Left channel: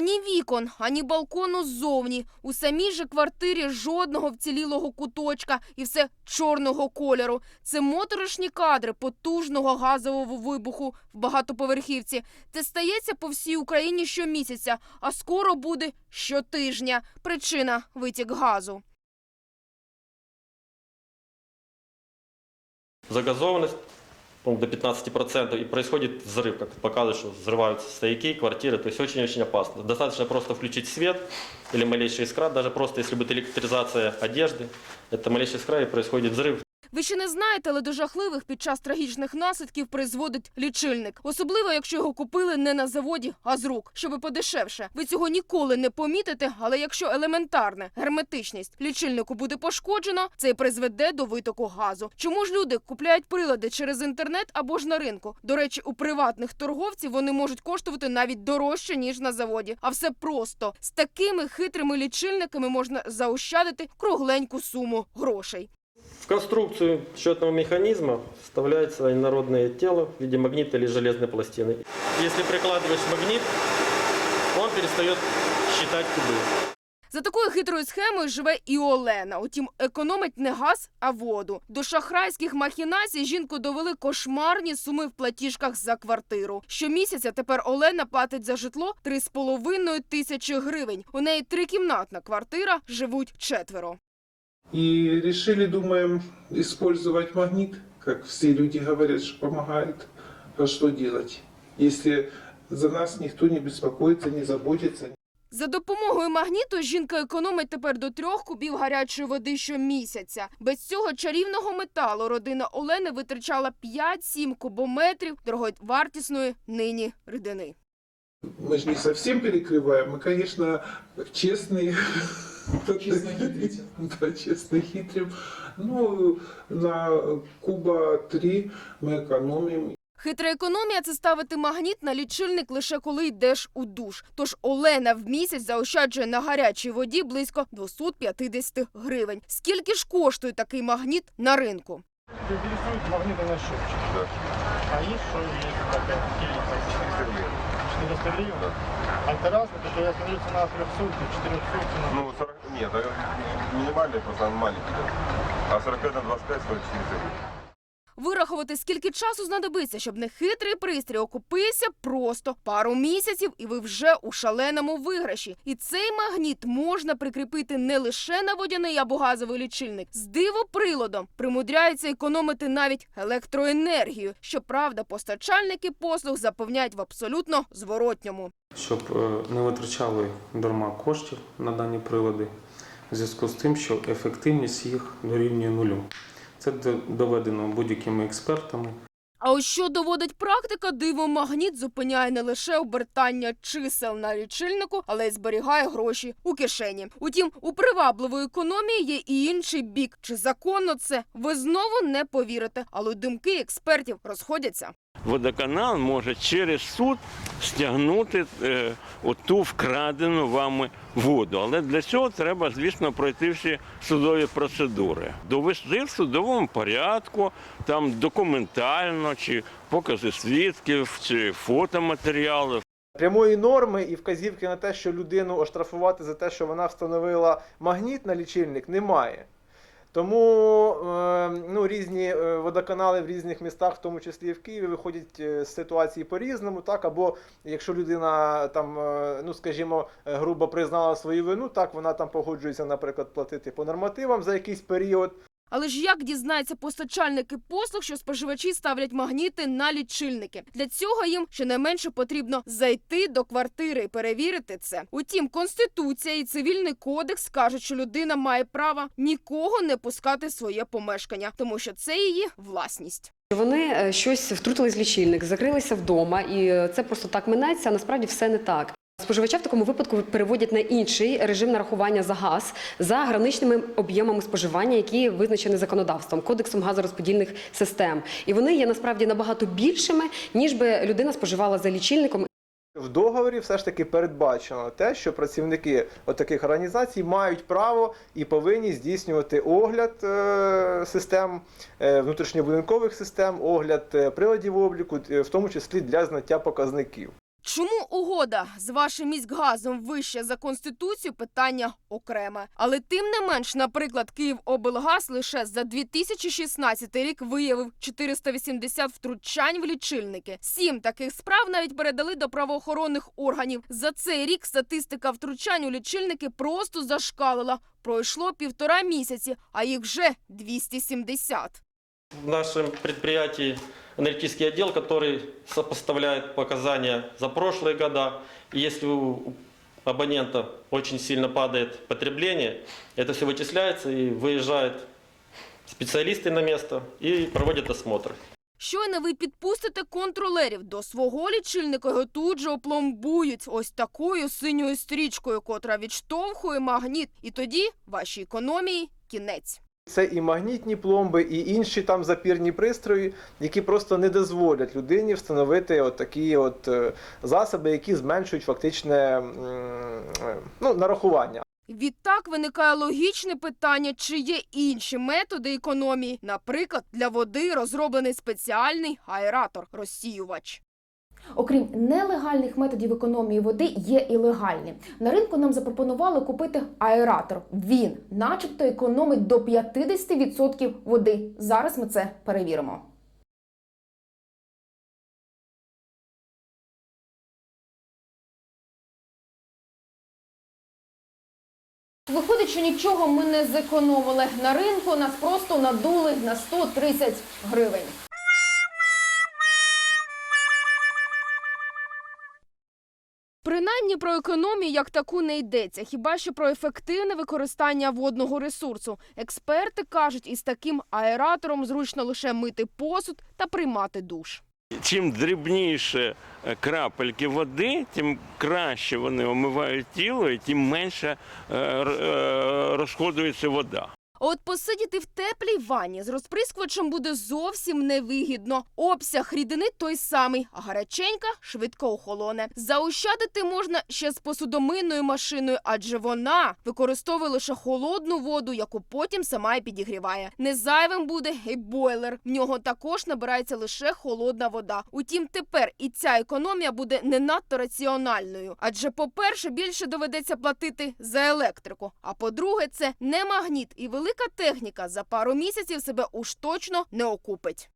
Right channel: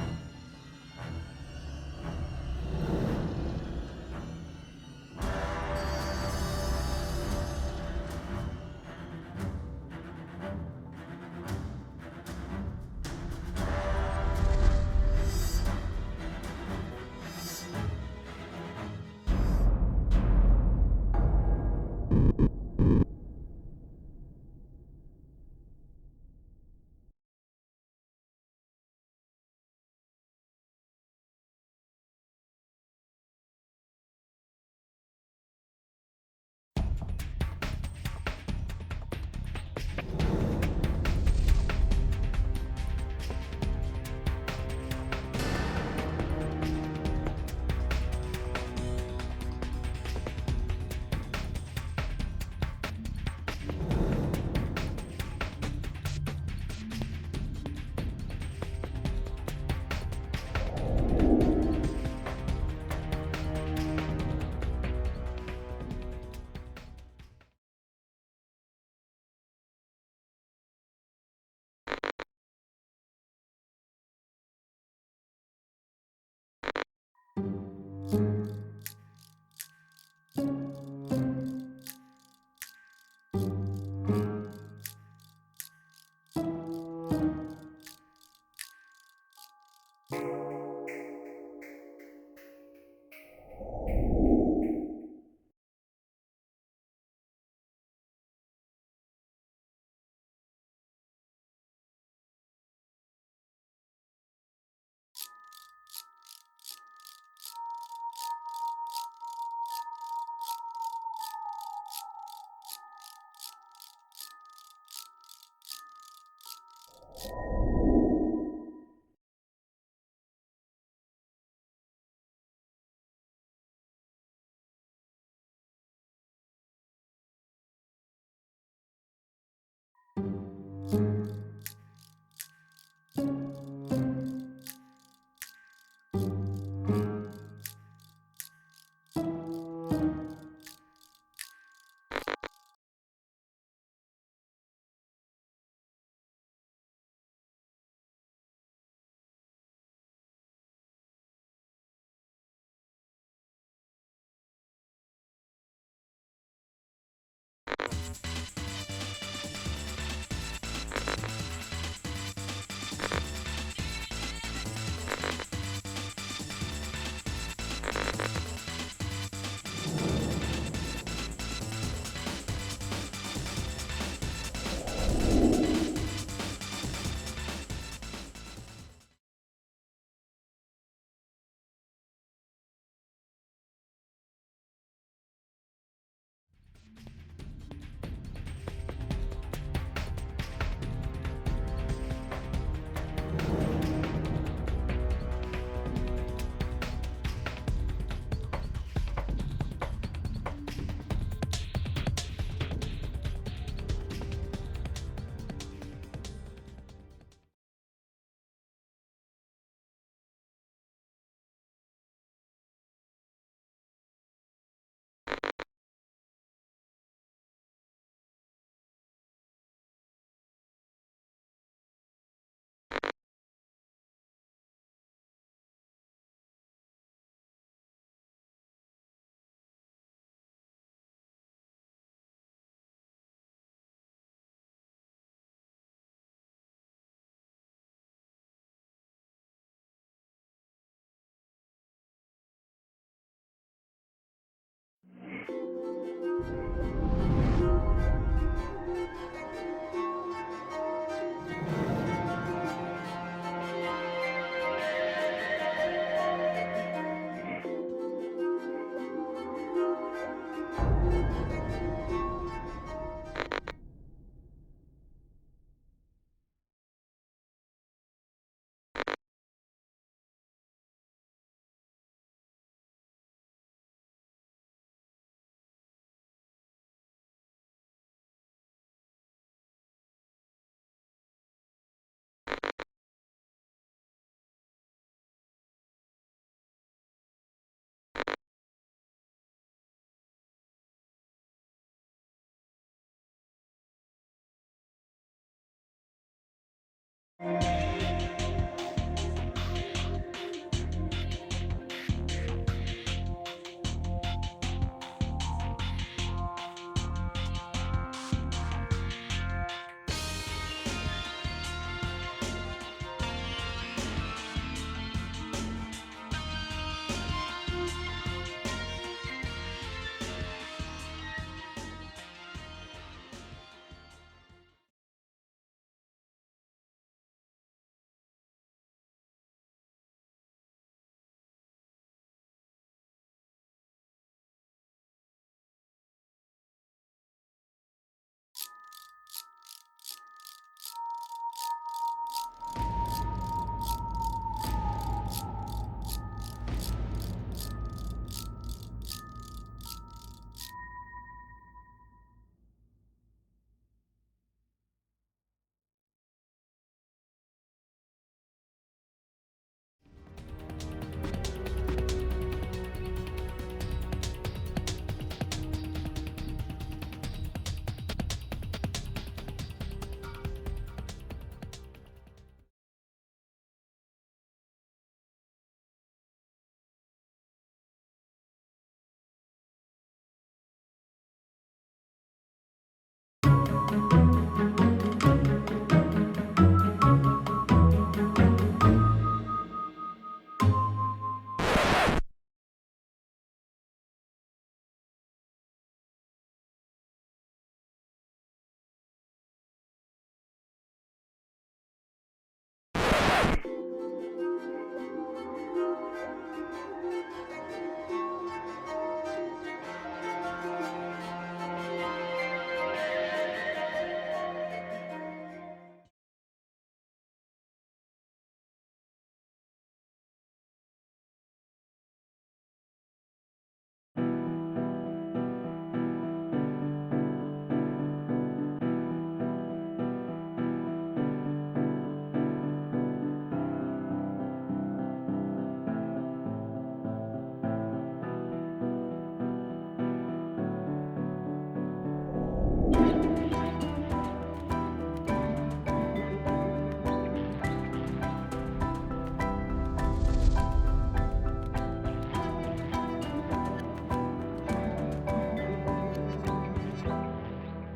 Ані вікон, ані балкону ззовні. У самій же квартирі жодного вцілілого куточка і все чорного кольору. Це моторошні кадри потужного газового вибуху в багатоповерхівці. Це стається по всій Україні щомісяця, а скоро буде щотижня. Причина витік газу. загазованность по-моему, до 15% и происходит взрыв, как показывает, что взрываются стояки, квартиры, то есть очень-очень опасно. Достаточно просто включить свет или малейшая искра, даже просто если будет электризация одежды, это малейшая искра и происходит взрыв. Ви ще не знаєте, але до жахливих під час трагічних наслідків призводить лічильник. Особливо, якщо його купили не на заводі, а з рук, щоби подешевше. Ви цього ніколи не помітите, але якщо елементарна герметичність лічильнику буде пошкоджено, це й призведе до витоку газу. Чому ж люди купляють прилади через інтернет або ж на ринку? До речі, у приватних торговців вони можуть коштувати навіть дорожче ніж на заводі. А все просто з такими хитрими лічильниками можна заощадити кругленьку суму грошей В конструкцию счетного механизма вставляется инородное тело в виде магнита или железной пластины. Если прикладываешь магнит, он перестает считать кубы. За такою хитрою схемою живе і Олена. Утім, економить не газ, а воду. До шахрайських махінацій жінку довели кошмарні суми в платіжках за квартиру. Щомісяця тепер Олена платить за житло 3,5 тисячі гривень. У неї трикімнатна квартира, живуть четверо. И решили, думаем, использовать магнит, как все люди говорят, что помогает. А что делать, если за нас никто не беспокоится, не заботится? За допомогою магніту жінка економить тепер до трьох кубів гарячої води щомісяця. Без цього чарівного металу родина Олени витрачала 5-7 кубометрів дороговартісної нині рідини. Мы же не совсем перекрываем, мы, конечно, честные. Честно хитрите. Да, честно хитрим. Ну, на куба три мы экономим. Хитра економія це ставити магніт на лічильник лише коли йдеш у душ. Тож Олена в місяць заощаджує на гарячій воді близько 250 гривень. Скільки ж коштує такий магніт на ринку? Интересует магнитный счетчик. Да. А есть что есть такая филиппа? 400 гривен. 400 гривен? Да. А это разное, потому что я смотрю цена 300, 400 цена. Ну, 40, нет, это минимальный, просто он маленький. да. А 45 на 25 стоит 400 гривен. Вирахувати, скільки часу знадобиться, щоб нехитрий пристрій окупився просто пару місяців, і ви вже у шаленому виграші. І цей магніт можна прикріпити не лише на водяний або газовий лічильник. З дивоприладом примудряються економити навіть електроенергію. Щоправда, постачальники послуг запевняють в абсолютно зворотньому. щоб е, не витрачали дарма коштів на дані прилади, в зв'язку з тим, що ефективність їх дорівнює нулю. Це до- доведено будь-якими експертами. А ось що доводить практика, дивомагніт зупиняє не лише обертання чисел на лічильнику, але й зберігає гроші у кишені. Утім, у привабливої економії є і інший бік. Чи законно це? Ви знову не повірите, але думки експертів розходяться. водоканал може через суд стягнути е, оту вкрадену вами воду. Але для цього треба, звісно, пройти всі судові процедури. Довести в судовому порядку, там документально, чи покази свідків, чи фотоматеріали. прямої норми і вказівки на те, що людину оштрафувати за те, що вона встановила магніт на лічильник, немає. Тому е, ну, різні е, водоканали в різних містах, в тому числі і в Києві, виходять е, з ситуації по-різному. Так, або якщо людина там, е, ну скажімо, грубо признала свою вину, так вона там погоджується, наприклад, платити по нормативам за якийсь період. Але ж як дізнається постачальники послуг, що споживачі ставлять магніти на лічильники? Для цього їм щонайменше потрібно зайти до квартири і перевірити це. Утім, конституція і цивільний кодекс кажуть, що людина має право нікого не пускати своє помешкання, тому що це її власність. Вони е, щось втрутились в лічильник, закрилися вдома, і е, це просто так минеться. А насправді все не так. Споживача в такому випадку переводять на інший режим нарахування за газ за граничними об'ємами споживання, які визначені законодавством, кодексом газорозподільних систем. І вони є насправді набагато більшими, ніж би людина споживала за лічильником. В договорі все ж таки передбачено те, що працівники таких організацій мають право і повинні здійснювати огляд е, систем е, внутрішньобудинкових систем, огляд е, приладів обліку, в тому числі для знаття показників. Чому угода з вашим міськгазом вища за конституцію? Питання окреме. Але тим не менш, наприклад, Київоблгаз лише за 2016 рік виявив 480 втручань в лічильники. Сім таких справ навіть передали до правоохоронних органів. За цей рік статистика втручань у лічильники просто зашкалила. Пройшло півтора місяці, а їх вже 270. В нашем предприятии аналитический отдел, который сопоставляет показания за прошлые года. И если у абонента очень сильно падает потребление, это все вычисляется и выезжают специалисты на место и проводят осмотр. Щойно ви підпустите контролерів до свого лічильника, його тут же опломбують ось такою синьою стрічкою, котра відштовхує магніт. І тоді вашій економії кінець. Це і магнітні пломби, і інші там запірні пристрої, які просто не дозволять людині встановити от такі от е, засоби, які зменшують фактичне е, ну, нарахування. Відтак виникає логічне питання, чи є інші методи економії. Наприклад, для води розроблений спеціальний аератор-розсіювач. Окрім нелегальних методів економії води, є і легальні. На ринку нам запропонували купити аератор. Він, начебто, економить до 50% води. Зараз ми це перевіримо. Виходить, що нічого ми не зекономили на ринку. Нас просто надули на 130 гривень. Принаймні про економію як таку не йдеться, хіба що про ефективне використання водного ресурсу. Експерти кажуть, із таким аератором зручно лише мити посуд та приймати душ. Чим дрібніше крапельки води, тим краще вони омивають тіло і тим менше е, е, розходується вода. От посидіти в теплій ванні з розприскувачем буде зовсім невигідно. Обсяг рідини той самий, а гаряченька швидко охолоне. Заощадити можна ще з посудомийною машиною, адже вона використовує лише холодну воду, яку потім сама й підігріває. Не зайвим буде і бойлер. В нього також набирається лише холодна вода. Утім, тепер і ця економія буде не надто раціональною. Адже, по-перше, більше доведеться платити за електрику. А по-друге, це не магніт і велика техніка за пару місяців себе уж точно не окупить.